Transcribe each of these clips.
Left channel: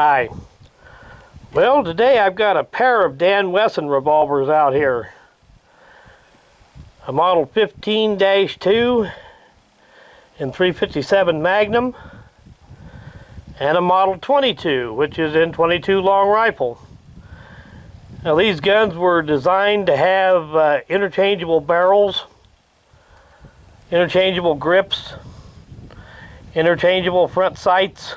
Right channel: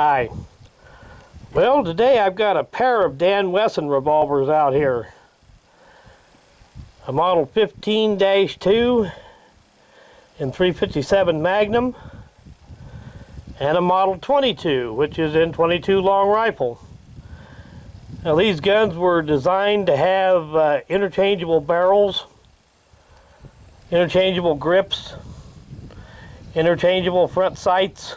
Hi. Well, today I've got a pair of Dan Wesson revolvers out here. A model 15-2 in 357 Magnum and a model 22, which is in 22 long rifle. Now these guns were designed to have interchangeable barrels, interchangeable grips, interchangeable front sights,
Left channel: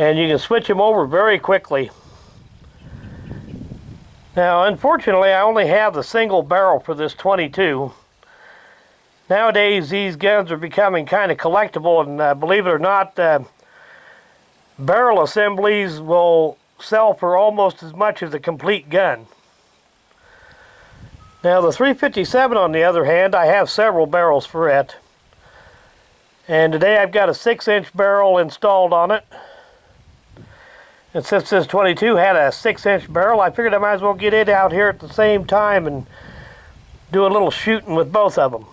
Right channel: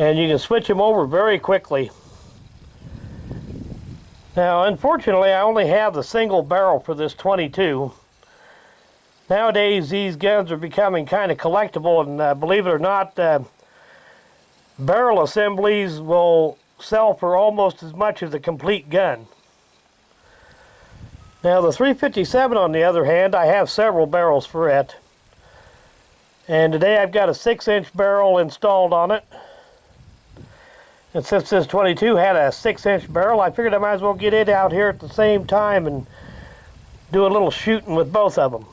and you can switch them over very quickly. Now, unfortunately, I only have the single barrel for this 22. Nowadays, these guns are becoming kind of collectible, and believe it or not, barrel assemblies will sell for almost as much as a complete gun. Now, the 357, on the other hand, I have several barrels for it. And today I've got a 6-inch barrel installed on it. And since this 22 had a 6-inch barrel, I figured I might as well get it out here at the same time and do a little shooting with both of them.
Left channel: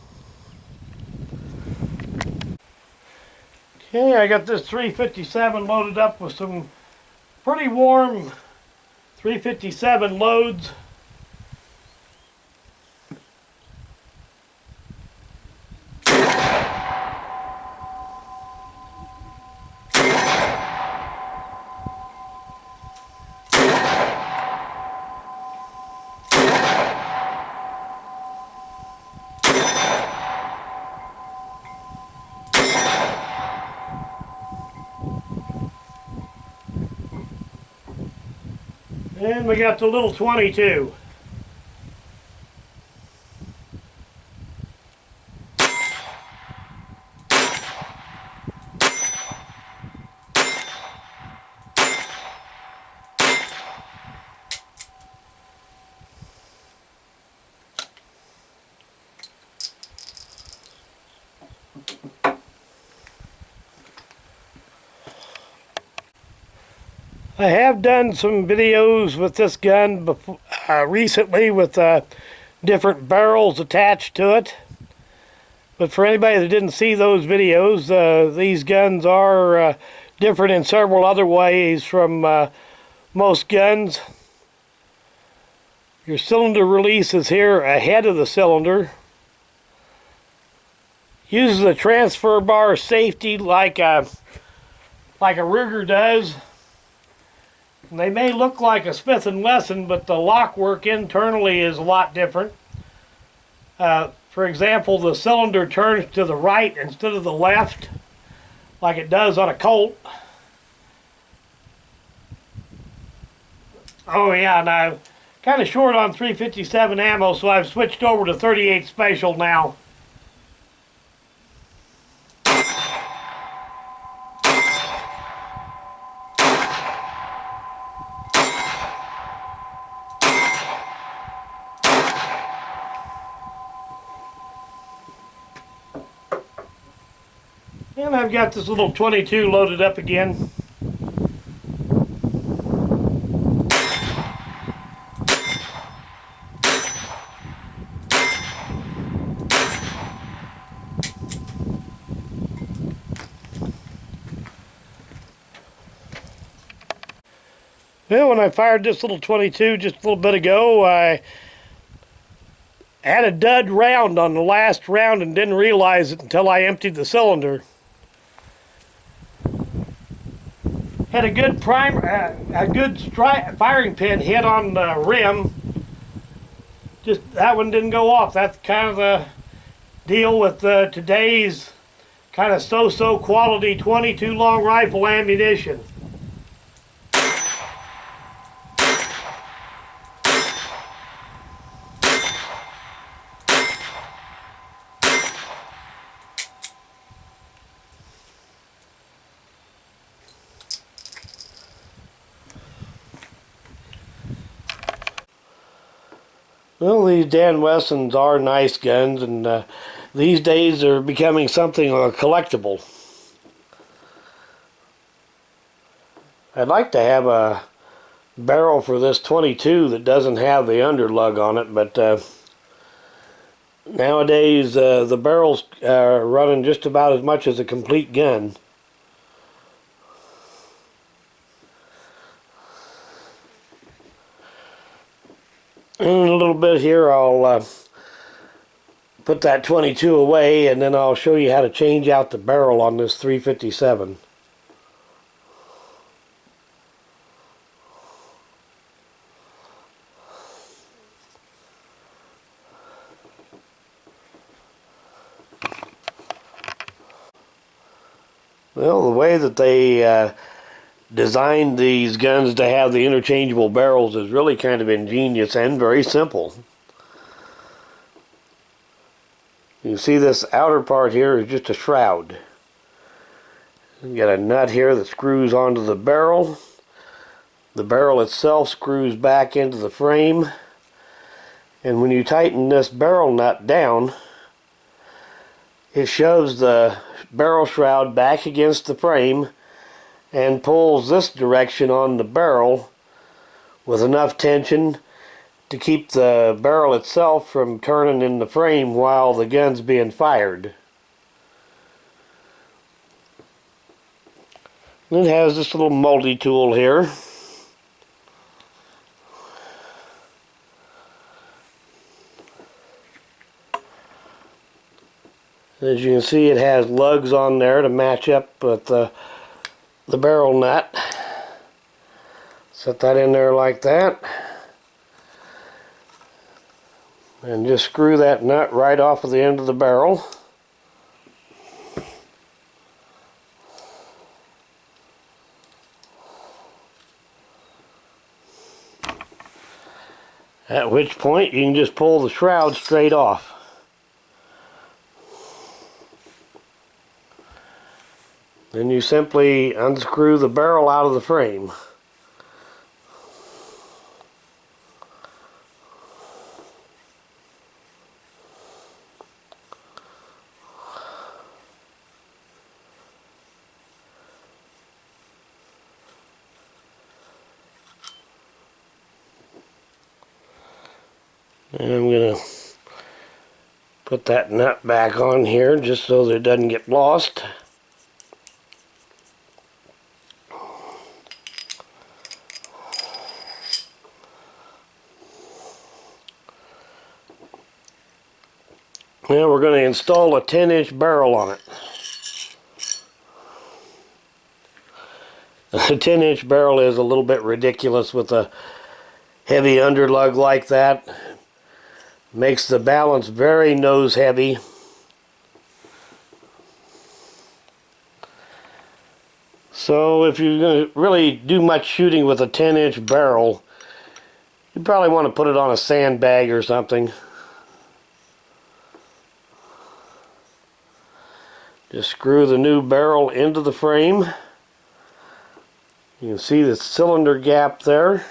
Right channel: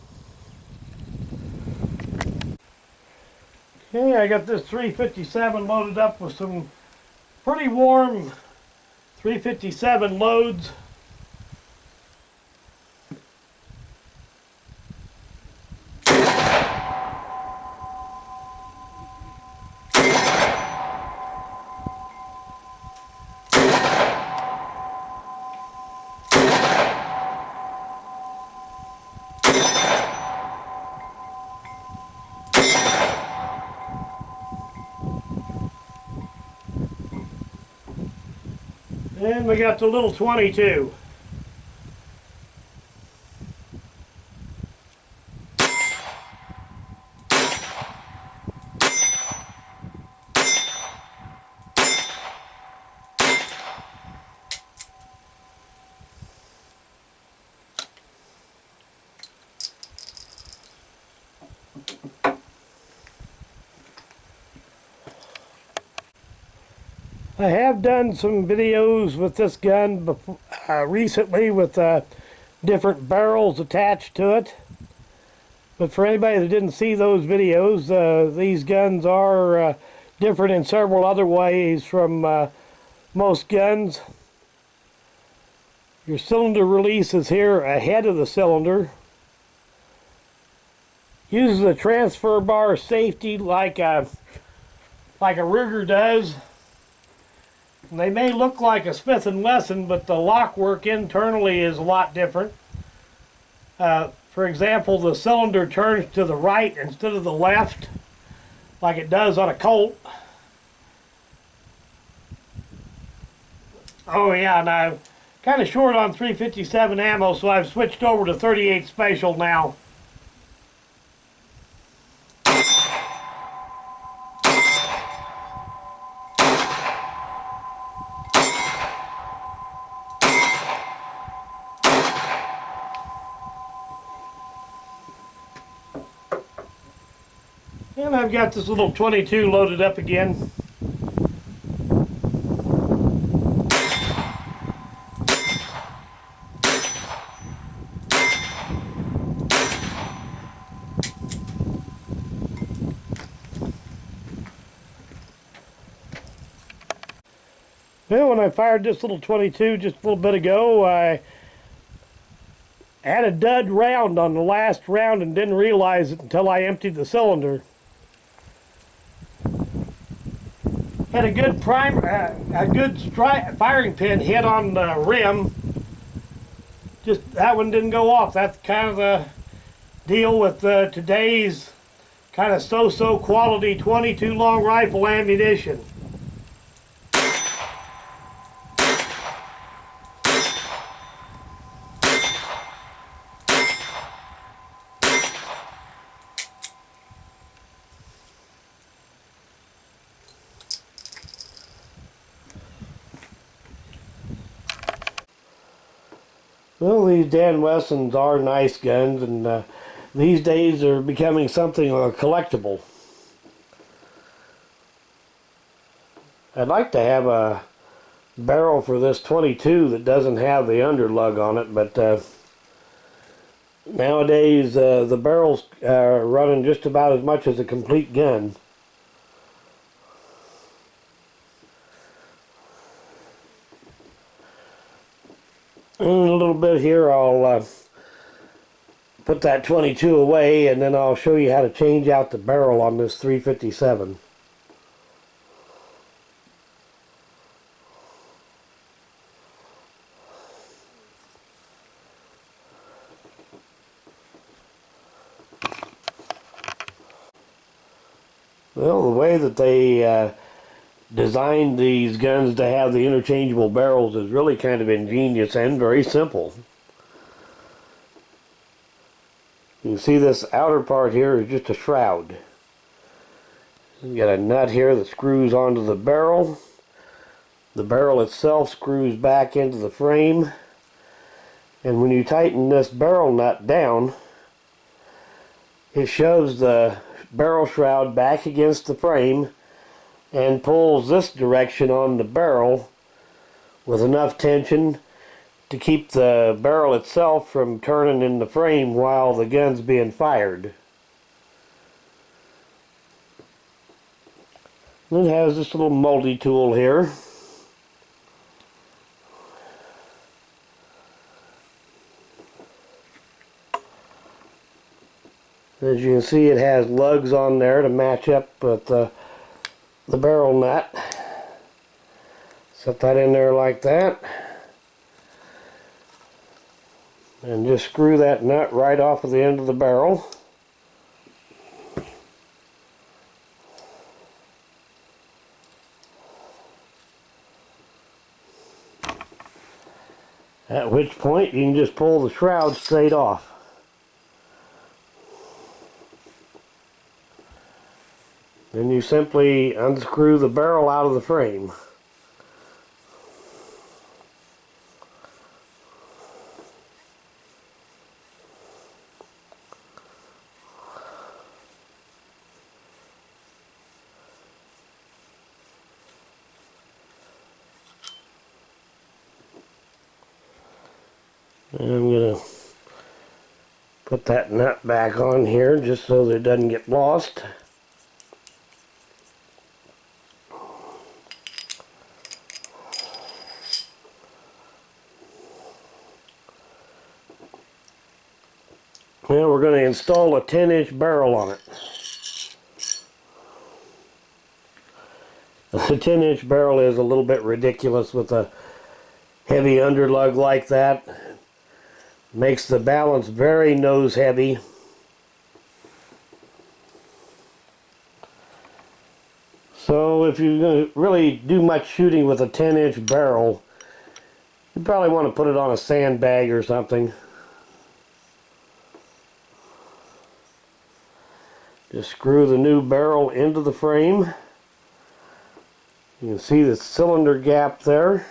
Okay, I got this 357 loaded up with some pretty warm 357 loads. And we got the little 22. I have done some videos with this gun before, recently with different barrels attached to it. But for anybody that didn't see those videos, these guns are different in several other ways from most guns. Your cylinder release is here ahead of the cylinder. Uses a transfer bar safety like a Ruger does. And they may look like a Smith & Wesson, but the lock work internally is a lot different. For example, the cylinder turns to the right instead of the left, like it does on a Colt. Oh yeah, and I'm kind of short on 357 ammo, so I've switched over to 38 Special now. And I've got this little 22 loaded up again. Well, when I fired this little 22 just a little bit ago, I had a dud round on the last round and didn't realize it until I emptied the cylinder. Had a good firing pin hit on the rim. Just that one didn't go off. That's kind of the deal with today's kind of so-so quality 22 long rifle ammunition. Well, these Dan Wessons are nice guns, and these days they're becoming something of a collectible. I'd like to have a barrel for this 22 that doesn't have the underlug on it, but nowadays the barrels are running just about as much as a complete gun. In a little bit here I'll put that 22 away, and then I'll show you how to change out the barrel on this 357. Well, the way that they designed these guns to have the interchangeable barrels is really kind of ingenious and very simple. You can see this outer part here is just a shroud. You got a nut here that screws onto the barrel. The barrel itself screws back into the frame. And when you tighten this barrel nut down, it shoves the barrel shroud back against the frame and pulls this direction on the barrel with enough tension to keep the barrel itself from turning in the frame while the gun's being fired. It has this little multi-tool here. As you can see, it has lugs on there to match up with the barrel nut. Set that in there like that. And just screw that nut right off of the end of the barrel. At which point you can just pull the shroud straight off. Then you simply unscrew the barrel out of the frame. And I'm going to put that nut back on here just so that it doesn't get lost. Now we're going to install a 10-inch barrel on it. A 10-inch barrel is a little bit ridiculous with a heavy underlug like that. Makes the balance very nose heavy. So if you're going to really do much shooting with a 10-inch barrel, you probably want to put it on a sandbag or something. Just screw the new barrel into the frame. You can see the cylinder gap there.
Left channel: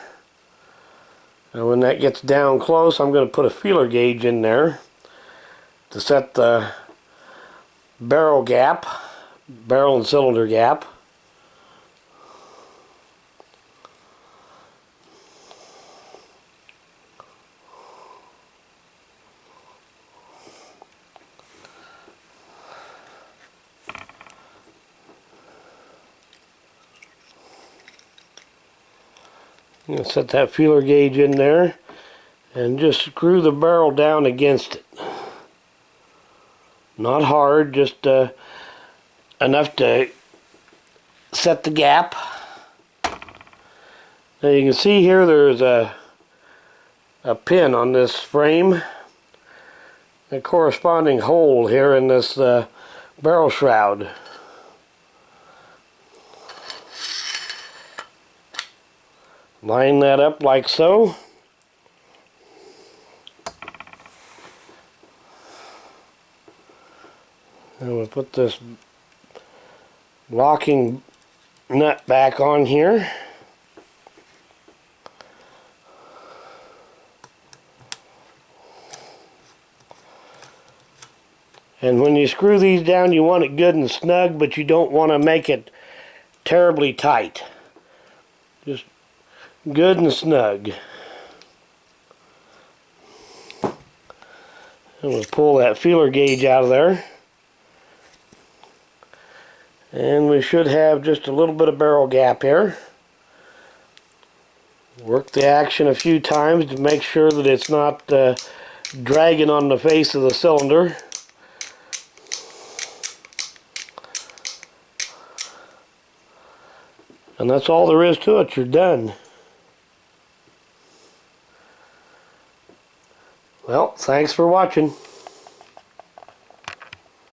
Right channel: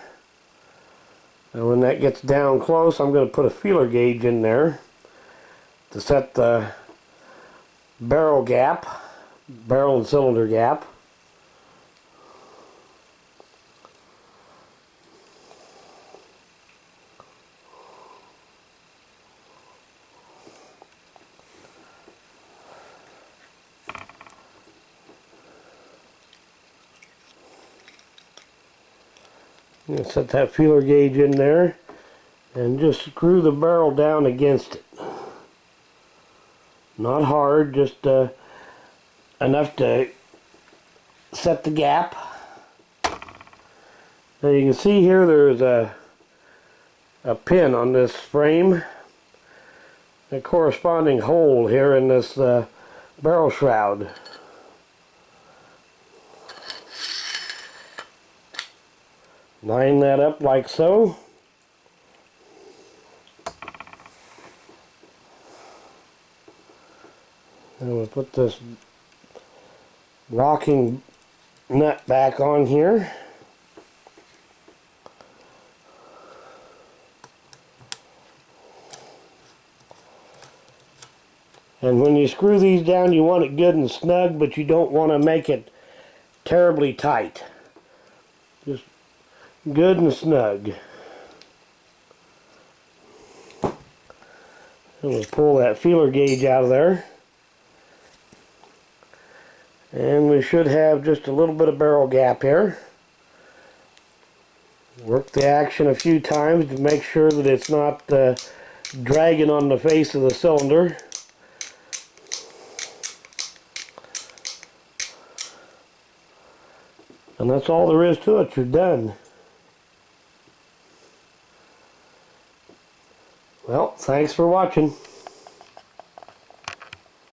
And when that gets down close, I'm going to put a feeler gauge in there to set the barrel gap, barrel and cylinder gap. I'm going to set that feeler gauge in there and just screw the barrel down against it. Not hard, just enough to set the gap. Now you can see here there's a pin on this frame, a corresponding hole here in this barrel shroud. Line that up like so. And we'll put this locking nut back on here. And when you screw these down, you want it good and snug, but you don't want to make it terribly tight. Just good and snug. And we'll pull that feeler gauge out of there. And we should have just a little bit of barrel gap here. Work the action a few times to make sure that it's not dragging on the face of the cylinder. And that's all there is to it. You're done. Well, thanks for watching.